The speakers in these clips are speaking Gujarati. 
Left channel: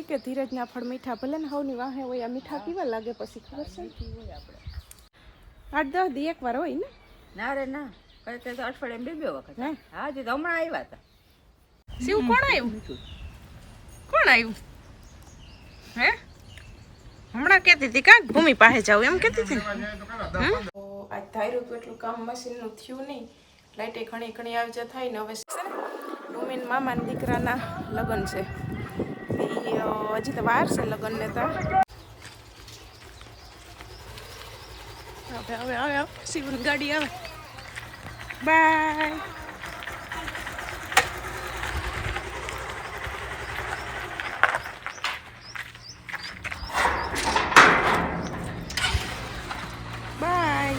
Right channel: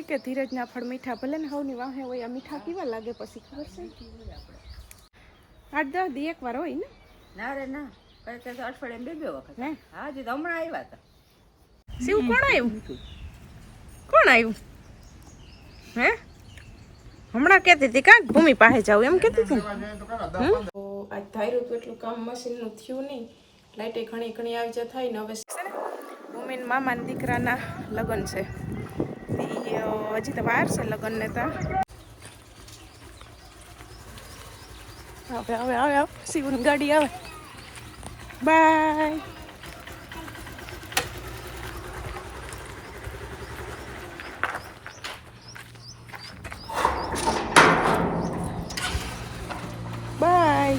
કહે કે ધીરજના ફળ મીઠા ભલે ને હવની વાહે હોય આ મીઠા કેવા લાગે પછી ખબર છે 8-10 દી એકવાર હોય ને ના રે ના કઈ તો અઠવાડિયે બે વખત હા જે તો હમણાં આવ્યા હતા શિવ કોણ આવ્યું હે હમણાં કહેતી હતી કાંક ભૂમિ પાસે જાવ એમ કહેતી હતી ને આજ ધાર્યું હતું એટલું કામ મશીનનું થયું નહીં લાઇટે ઘણી ઘણી આવી જ થાય ને હવે છે ને ભૂમિન મામાના દીકરાના લગ્ન છે હજી તો વાર છે લગ્નને ત્યાં હવે આવે શિવની ગાડી આવે બાય બાય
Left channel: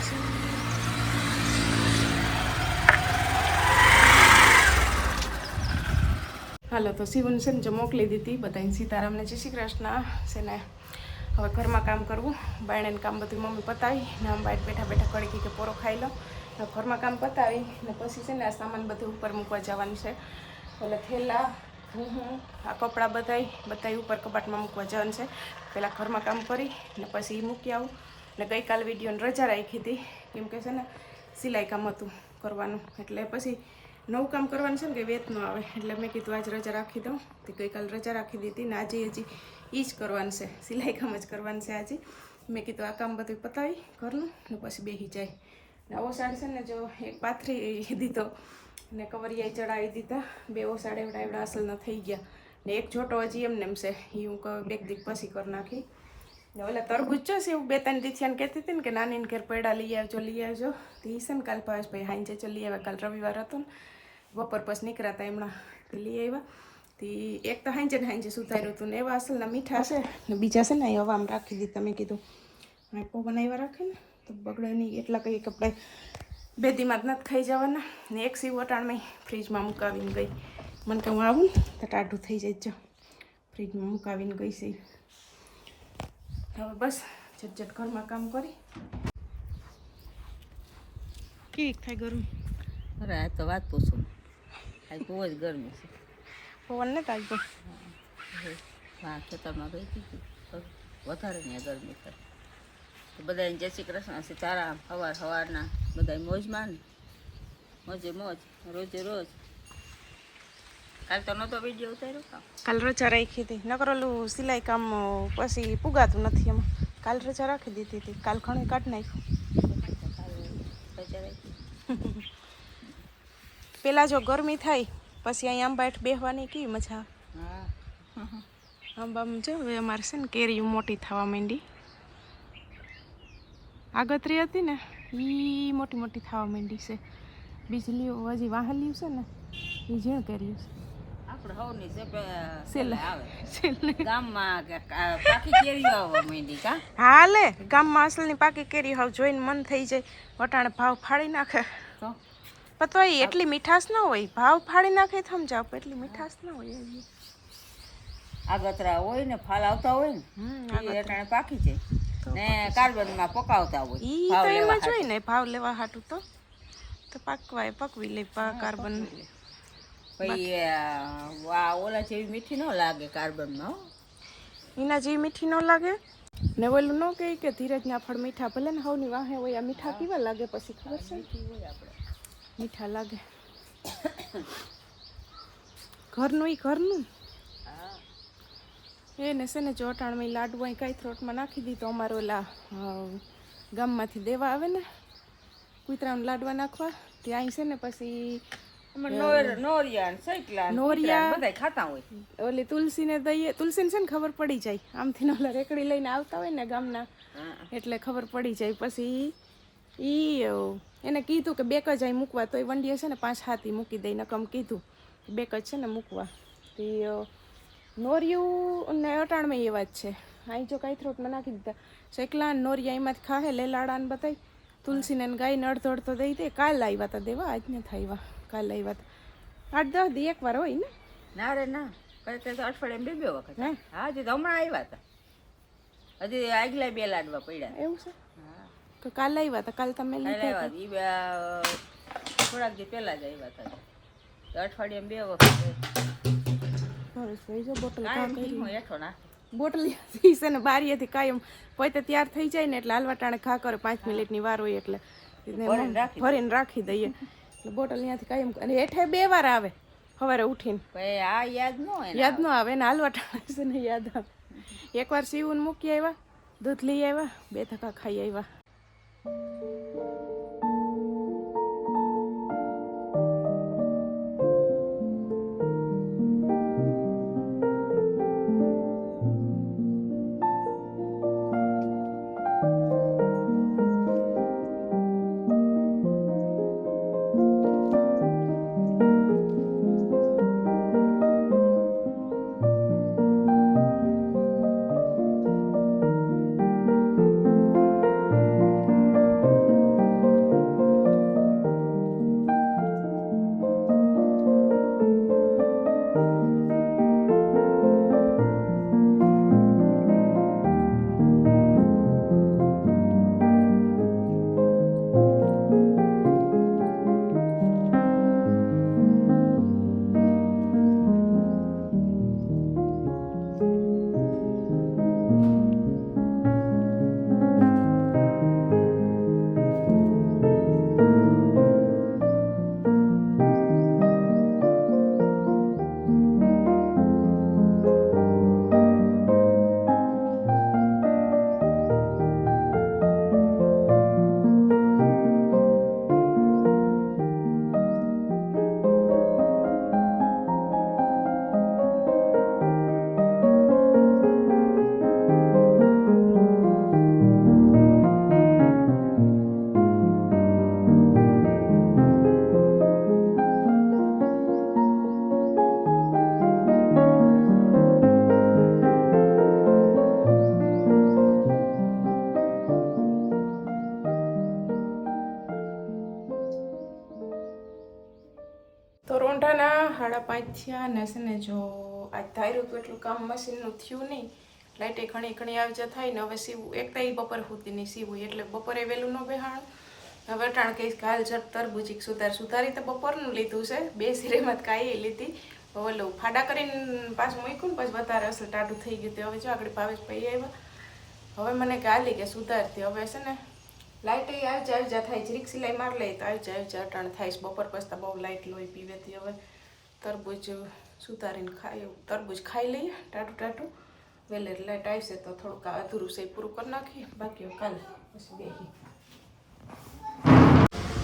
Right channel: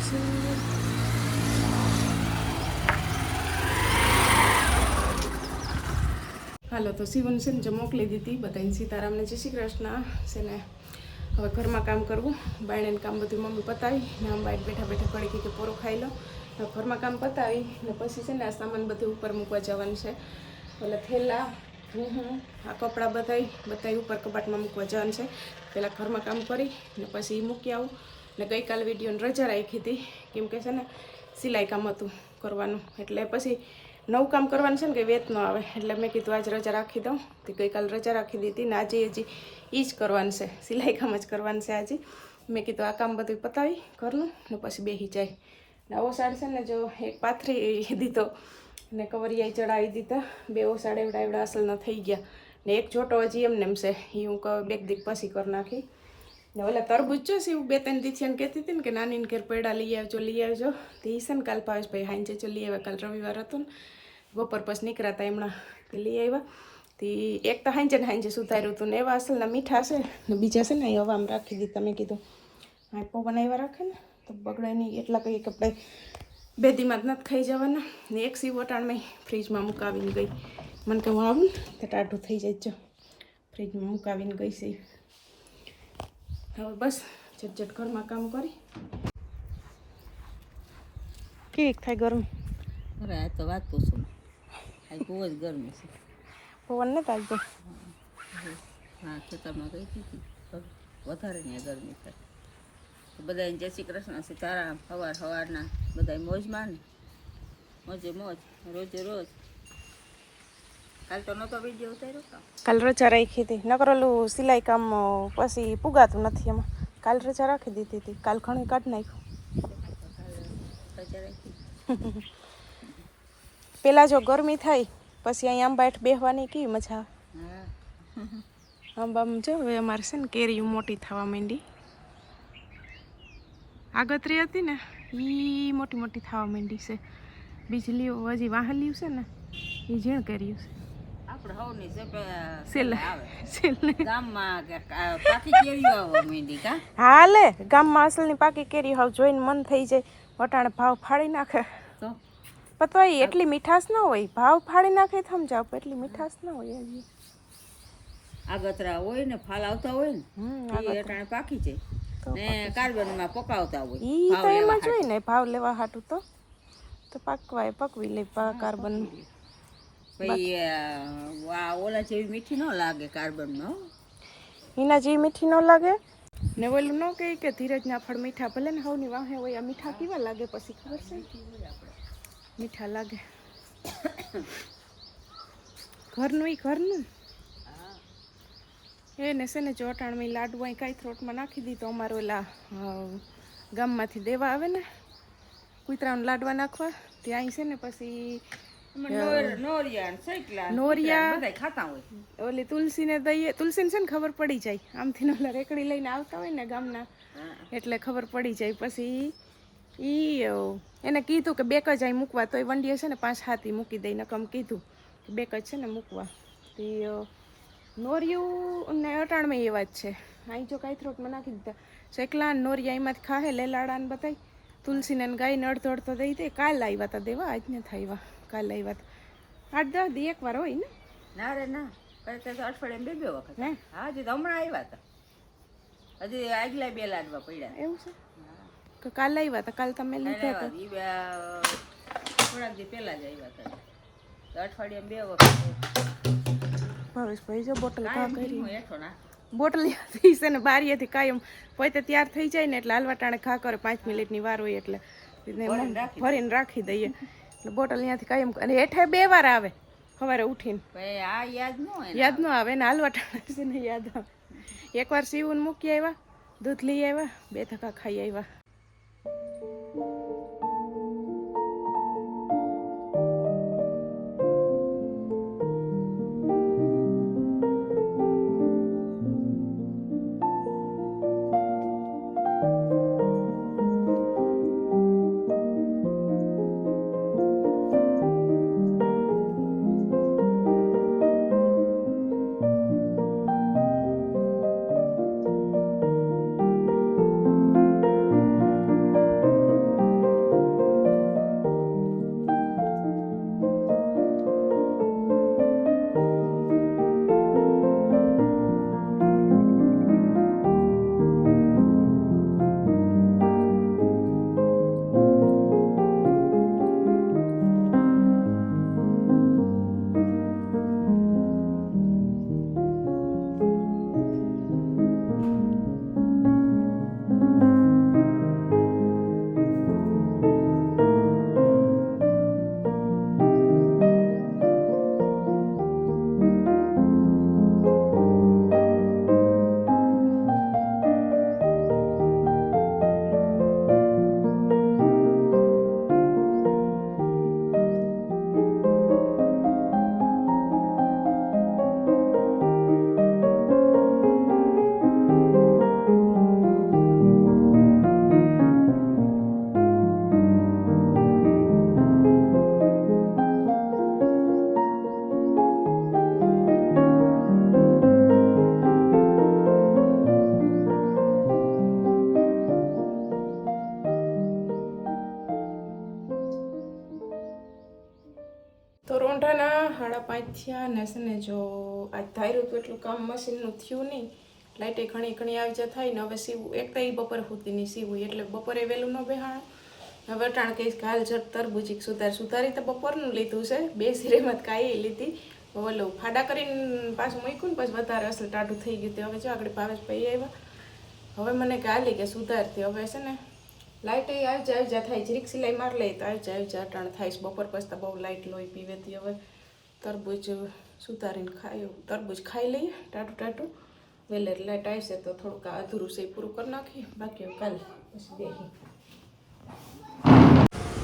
હાલો તો શિવન છે ને જો મોકલી દીધી બધાને સીતારામને જય શ્રી કૃષ્ણ છે ને હવે ઘરમાં કામ કરવું બાયણે કામ બધું મમ્મી પતાવી ને આમ બાઈટ બેઠા બેઠા કડી કે પોરો ખાઈ લો ઘરમાં કામ પતાવી ને પછી છે ને આ સામાન બધું ઉપર મૂકવા જવાનું છે એટલે થેલા આ કપડાં બધાય ઉપર કબાટમાં મૂકવા જવાનું છે પહેલાં ઘરમાં કામ કરી ને પછી મૂકી આવું ને ગઈકાલ વિડીયોને રજા રાખી હતી કેમ કે છે ને સિલાઈ કામ હતું કરવાનું એટલે પછી નવું કામ કરવાનું છે ને કે વેત ન આવે એટલે મેં કીધું આજ રજા રાખી દઉં તો ગઈકાલ રજા રાખી દીધી ને આજે હજી એ જ કરવાનું છે સિલાઈ કામ જ કરવાનું છે આજે મેં કીધું આ કામ બધું પતાવી ઘરનું ને પછી બેસી જાય ને ઓસાડ છે ને જો એક પાથરી દીધો ને કવરિયાઈ ચડાવી દીધા બે ઓસાડ એવડા અસલ ન થઈ ગયા ને એક જોટો હજી એમને એમ છે એ હું બેક દીક પછી કરી નાખી ને ઓલા તરબૂચ જો છે એવું 2-3 દીથિયાને કહેતી હતી ને કે નાનીને ઘેર પૈડા લઈ આવજો તો એ છે ને કાલ ભાવેશભાઈ હાંજે જો લઈ આવ્યા કાલ રવિવાર હતો ને બપોર પછી નીકળ્યા એમણા કે લઈ આવ્યા તે એક તો હાંજે સુધાર્યું હતું ને એવા અસલના મીઠા છે ને બીજા છે ને એ હવામાં રાખી દીધા મેં કીધું હા પવન આવ્યા રાખે ને તો બગડે નહીં એટલા કંઈ કપડે 2 દીમાં જ નથી ખાઈ જવાના ને એક સીવ વટાણમાં ફ્રીજમાં મુકાવીને ગઈ મને કે હું આવું ને તો ટાઢું થઈ જાય જો ફ્રીજમાં મુકાવીને ગઈ છે હવે બસ ઝટઝટ ઘરમાં કામ કરી કેવી થાય ગરમી અરે આ તો વાત પૂછો આ બહુ જ ગરમી છે પવન ને તાજો હા ખેતરમાં ગઈ હતી વધારે ને ગરમી થાય તો બધાને જય શ્રી કૃષ્ણ સીતારામ સવારના બધા મોજમાં મોજે મોજ રોજે રોજ કાલ તો નહોતો વિડીયો ઉતાર્યો કાલ રજા રાખી હતી નકર ઓલું સિલાઈ કામ પછી પુગાતું નથી એમાં કાલ રજા રાખી દીધી હતી કાલ ઘણું કાઢી નાખ્યું પેલા જો ગરમી થાય પછી અહીં આંબા હેઠ બેસવાની કેવી મજા આવે આંબામાં જો હવે અમારે છે ને કેરીઓ મોટી થવા માંડી આગતરી હતી ને એ મોટી મોટી થવા માંડી છે બીજલીઓ હજી વાહલીયું છે ને એ ઝીણ કર્યું છે આપણે હવની સેલ આવે ગામમાં પાકી કેરીઓ આવવા માંડી કા હાલે ગામમાં અસલની પાકી કેરી હવે જોઈને મન થઈ જાય વટાણે ભાવ ફાડી નાખે તો પતવાય એટલી મીઠાશ ન હોય ભાવ ફાડી નાખે સમજાવ એટલી મીઠાશ ન હોય હજી આગતરા હોય ને ફાલ આવતા હોય ને એ પાકી જાય ને કાર્બનમાં પકાવતા હોય ઈ તો એમ જ હોય ને ભાવ લેવા હાટું તો પકવાય પકવી લે કાર્બન પછી ઓલા જેવી મીઠી ન લાગે કાર્બનમાં એના જેવી મીઠી ન લાગે ને ઓલું ન કહે કે ધીરજના ફળ મીઠા ભલે ને હવની વાહે હોય આ મીઠા કેવા લાગે પછી ખબર છે મીઠા લાગે ઘરનું એને છે ને ચોટાણમાં લાડુ અહીં કાંઈ થ્રોટમાં નાખી દીધો અમારે ઓલા ગામમાંથી દેવા આવે ને કૂતરાને લાડવા નાખવા ત્યાં અહીં છે ને પછી નોરિયા ખાતા હોય ઓલી તુલસીને દઈએ તુલસીને છે ને ખબર પડી જાય આમથી ઓલા રેકડી લઈને આવતા હોય ને ગામના એટલે ખબર પડી જાય પછી એને કીધું કે 2 જ અહીં મૂકવા તોય વંડીએ છે ને 5-7 મૂકી દઈ નકમ કીધું કે 2 જ છે ને મૂકવા તે નોરિયું ને અટાણમાં એવા જ છે અહીં જો કાંઈ થ્રોટમાં નાખી દીધા શેકલા નોરિયા એમાંથી ખાહે લેલાડાને બધાય તુલસીને ગાયને અડધો દઈ દે કાલ આવ્યા હતા દેવા આજ ને થાય કાલ આવ્યા હતા 8-10 દી એકવાર હોય ને ના રે ના કઈ તો અઠવાડિયે બે વખત હા જે તો હમણાં આવ્યા હતા હજી આગલા 2 લાડવા પડ્યા એવું છે કે કાલ આવ્યા હતા કાલ તમે લીધા હતા થોડાક દી પહેલા જ આવ્યા હતા અઠવાડિયે 2 વખત ભાવેશભાઈ જો બોટલ ઘા કરી હું હેઠો નાખ. બોટલીથી છે ને બારીએથી કાયમ પોતે તૈયાર થઈ જાય ને એટલે હાલવા ટાણે ઘા કરે 5 મિનિટની વાર હોય એટલે ભરીને રાખી દઈએ એટલે બોટલ ત્યાંથી કાયમ અને હેઠે 2 વાર આવે સવારે ઉઠીને ભાઈ આ યાદ ન હોય ને. યાદ ન આવે ને હાલવા ટાણે છે ને યાદ આવે એકવાર સીવું મૂકી આવ્યા દૂધ લઈ આવ્યા 2 ધક્કા ખાઈ આવ્યા તો રોંઢાના 5:30 થયા ને છે ને જો આજ ધાર્યું હતું એટલું કામ મશીનનું થયું નહીં લાઇટે ઘણી આવી જા થાય ને હવે સીવું એક તો બપોરે સુધી નહીં સીવું એટલે બપોરે વહેલું ન બેહાણું હવે અટાણ કહીશ કે હાલ જટ તરબૂચી સુધારી તો બપોરનું લીધું છે 2 સિરેમત કાંઈ લીધી ઓલું ફાડા કરીને પાછું મૂક્યું ને પછી વધારે અસલ ટાઢું થઈ ગયું તે હવે જો આગળ ભાવેશ ભાઈ આવ્યા હવે મને કે હાલી કે સુધારતી હવે છે ને લાઇટ આવી જા થાય જરીક સિલાઈ માર લઈ તો આવી જા અટાણ થાય બપોર પછી બહુ લાઇટ લોહી પીવેતી હવે તરબૂચ સુધારીને તરબૂચ ખાઈ લઈએ ટાટું વેલે લાઇટ આવશે તો થોડુંક અધૂરું છે પૂરું કરી નાખીએ બાકી કાલે પછી બેસી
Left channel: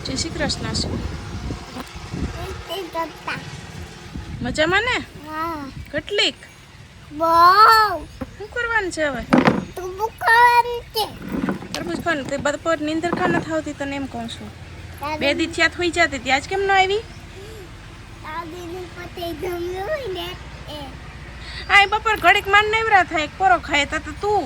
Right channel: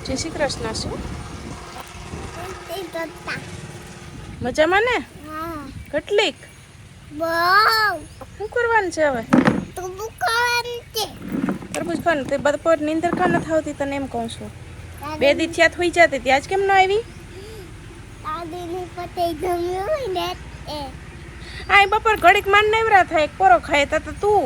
જય શ્રી કૃષ્ણ શું મજામાં ને કેટલીક શું કરવાનું છે હવે તરબૂચ ખાવાનું તે બપોર નીંદર ખા નથી આવતી તને એમ કહું છું 2 દી થયા થઈ જતી ત્યાં જ કેમ ન આવી આ બપોર ઘડીક માન નેવરા થાય એક પોરો ખાય તો તું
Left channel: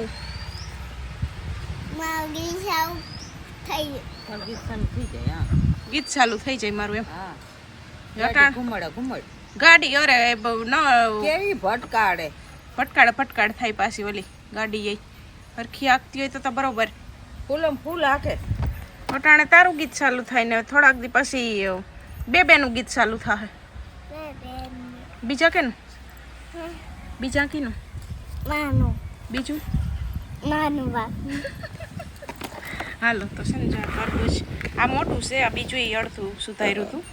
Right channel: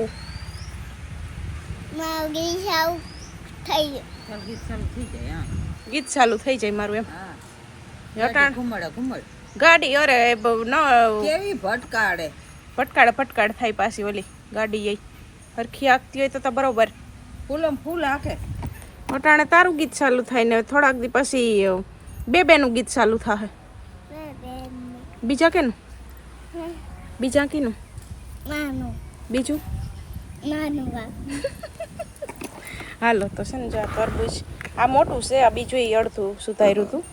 ગીત ચાલુ થઈ જાય મારું એમ ગાડી અરે કેવી ભટકાડ થાય પાછી ઓલી ગાડી જઈ હરખી આગતી હોય તો બરોબર ફૂલ હાકે અટાણે તારું ગીત ચાલુ થાય ને થોડાક દી પછી બેનું ગીત ચાલુ થાય બીજા કેનું બીજા કીનું બીજું હાલો તો છે ને જો તરબૂચ આ મોટું છે આ બીજું એ અડધું સુધાર્યું હતું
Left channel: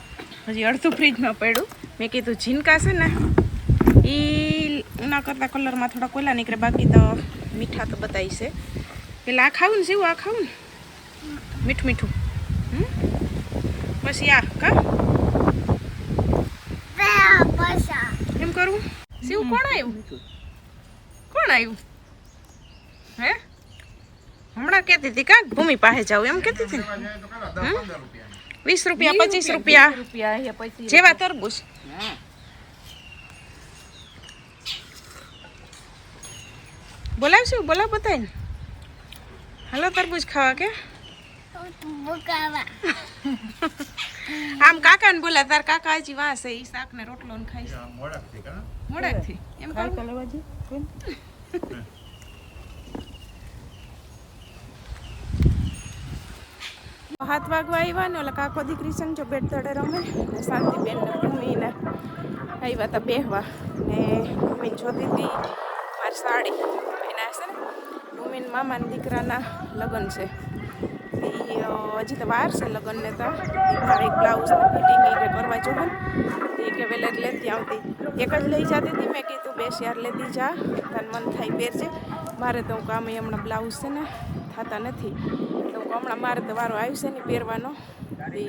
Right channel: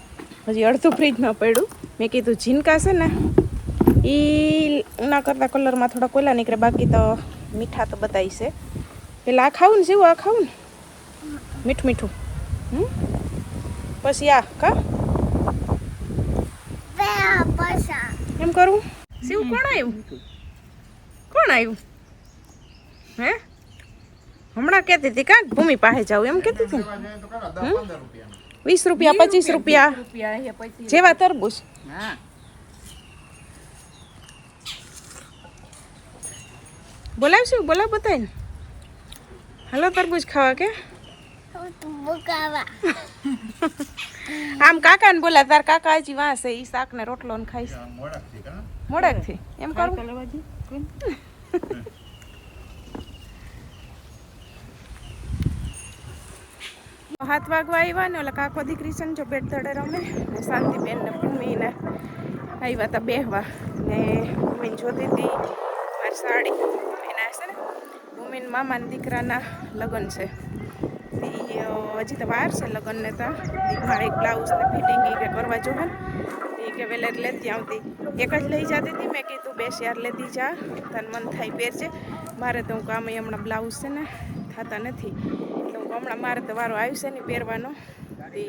હજી અડધું ફ્રીજમાં પડ્યું મેં કીધું ઝીનકા છે ને એ એના કરતાં કલરમાં થોડા કોયલા નીકળે બાકી તો મીઠા તો બધાય છે પેલા આ ખાવું ને જેવું આ ખાવું ને મીઠું પછી આ કા એમ કરવું શિવ કોણ આવ્યું હે હમણાં કહેતી હતી કાંક ભૂમિ પાસે જાવ એમ કહેતી હતી ને 20 રૂપિયા 25 રૂપિયા જેવા તરબૂચ બોલાવશું બોલાવ બતાય ને હાલો તરબૂચ ખાવા કે આમ કાકા ને બોલા તાર કાકા હજી વાંસે ઈ શાક ને રોટલો ને ખાઈશ મોડેકથી એમ કરું હાથ વાગવા આવ્યા ને ઓલા કાકો દીકરી સંગ જો બેટ તળે રમે ને શાંતિબેન ને ભૂમિ ને આવ્યા તા બેહવા ને મેં જોતી હતી મારી સાડી એના છે ને મમ્મીને મામાના દીકરાના લગ્ન છે. હજી તો વાર છે લગ્નને તો મારે એક બ્લાઉઝને ફિટિંગ કે કરવા જો ને એ કે વેલે લેતી આવતી. એક જ લઈ જતી હતી. મેં કીધું 2 શેર લેતી જા તને મન થાય પહેરજે. મારે તો હું કામ હમણાં બ્લાઉઝ છે ને થતા નથી તો હમણાં મારે તો વારો આવશે નહીં પહેરવાનો. તે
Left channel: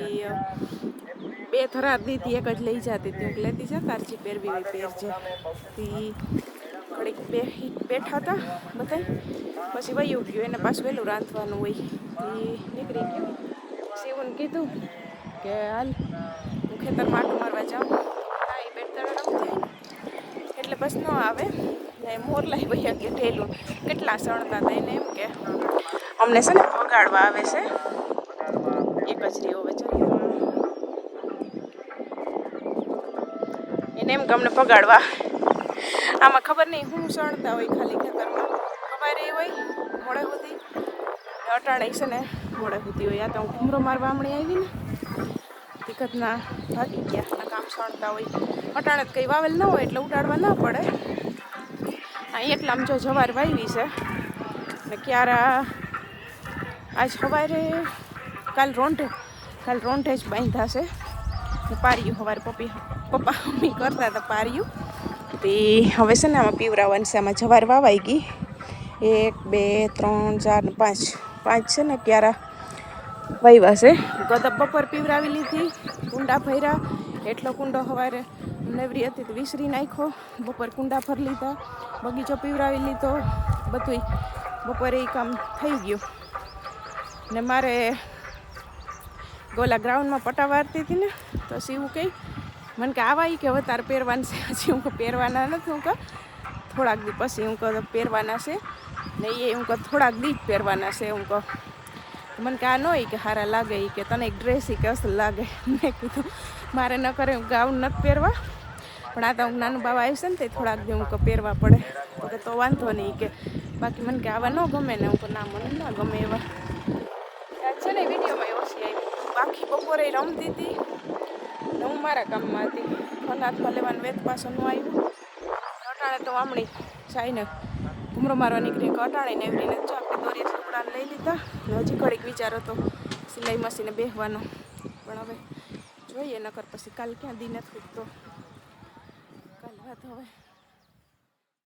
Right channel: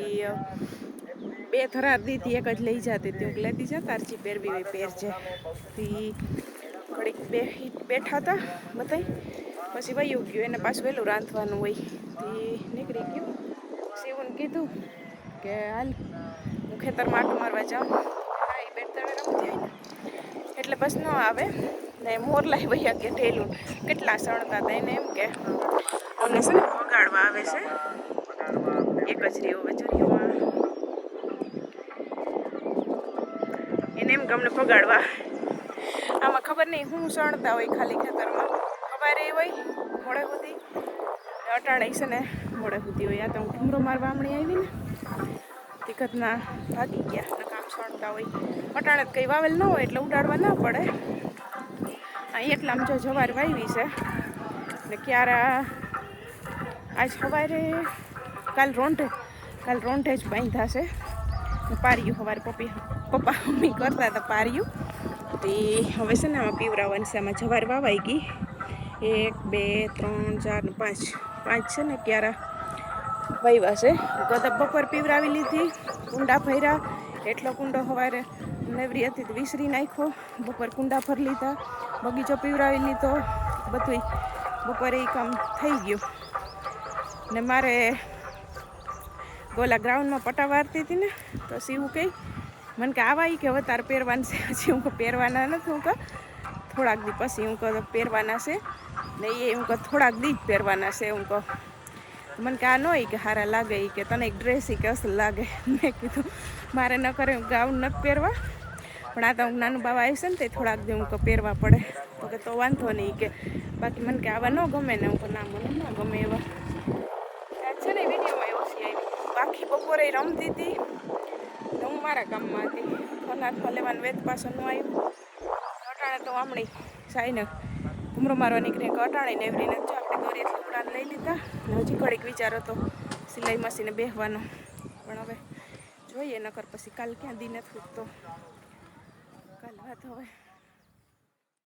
2 થરાર દીધી એક જ લઈ જતી હતી. હું લેતી જા તારજી પહેરવી હોય પહેરજે. તે ઘડીક બેઠા હતા બધાય પછી વયું ગયું. એને પાછું વહેલું રાંધવાનું હોય તે નીકળી ગયું. શિવને કીધું કે હાલ હું ખેતરમાં આટો મારવા જાઉં. હા એ બેન તળે રમતી હોય ને એટલે બસ ન આવે ને મોરલાઈ વૈયા કે ઢેલું કેટલા સણતા હતા એને એમ કે અમને છે ને ભગાડવા આવે છે. એક જ રહ્યો વચરીઓમાં એને એમ કે અમને ભગાડવા આમાં ખબર નહીં હું સણતા હોય ખાલી ખેતરમાં ખબર એ હોય મોડે સુધી અટાણે છે ને મોડે સુધી હોય. આ તો હું ઘૂમરો મારવા હમણાં આવી ને ટિકટના ભાગી ગયા કામ સણતા હોય. અટાણે કંઈ વાવેલ ન હોય એટલે ઉડાડવા ના પડે. અહીં એટલે આમ જો જવાર વાવી છે ને ક્યારા આજ સવારે કાલ રોંઢે જ બાંધ્યા છે ને પાર્યું સવારે પપ્પા મમ્મી કરતા હતા પાર્યું. તે હવે છે ને આમાં પીવરાવવાનું છે. આમાં જવાર વાવાઈ ગઈ 1 2 3 4 5 છે ને ક્યારા વાવ્યા છે. ગદબ બપોર પીવરાવી લીધી. કુંડા ભર્યા એટલો કુંડો સવારે નેવરી હતી તો વિસરી નાખ્યો. બપોર કુંડા ભરી લીધા. બગીચો પીવરાવી લીધો. બધું બપોરે એ કામ થઈ ગયું ને મારે ગોલા ગ્રાઉન્ડમાં પટા વારતી હતી ને તો શિવું કહે મને કે આવા કે હવે તારે પહેરવાનું છે. હજી હું પહેરવાના નથી. હું કહું થોડાક દી પછી હું કહું પહેરવાના છે ને એ હું કહું થોડાક દી જ પહેરવાના છે. હું કહું મને કે આ ન હોય કે સારા લાગે એ કે તને એક ડ્રેસ કે અસલ લાગે. મેં કીધું મારે ન કરે ગાઉન નથી પહેરવા પણ આ તો હું નાનું બાવા આવશે ને તે થોડાક દી હું કહું પહેરવા પડે તો કે તો વાંધો નહીં કે બાકી મને કે આવા ન ગમે ને હું કહું ના મને ના ગમે એવા. છે ને વિડીયોમાં ઓછી આવી બાકી બપોરે રમતી હતી ને હું મારા કામમાં હતી. અનાજમાં લેવાનું વેત પાછળ ન આવ્યું. અટાણે તો હમણી સાઈને ઘૂમરો મારવા નીકળી અટાણે ને એવી જો આપણે દોરી ટુકડાને લઈ લીધા ને હજી ઘડીક વિચાર હતો સિલાઈ મશીને બેસવાનો પણ હવે જોઈએ નકર પછી કાલ ક્યાં દી નથી તો કાલ વાત હવે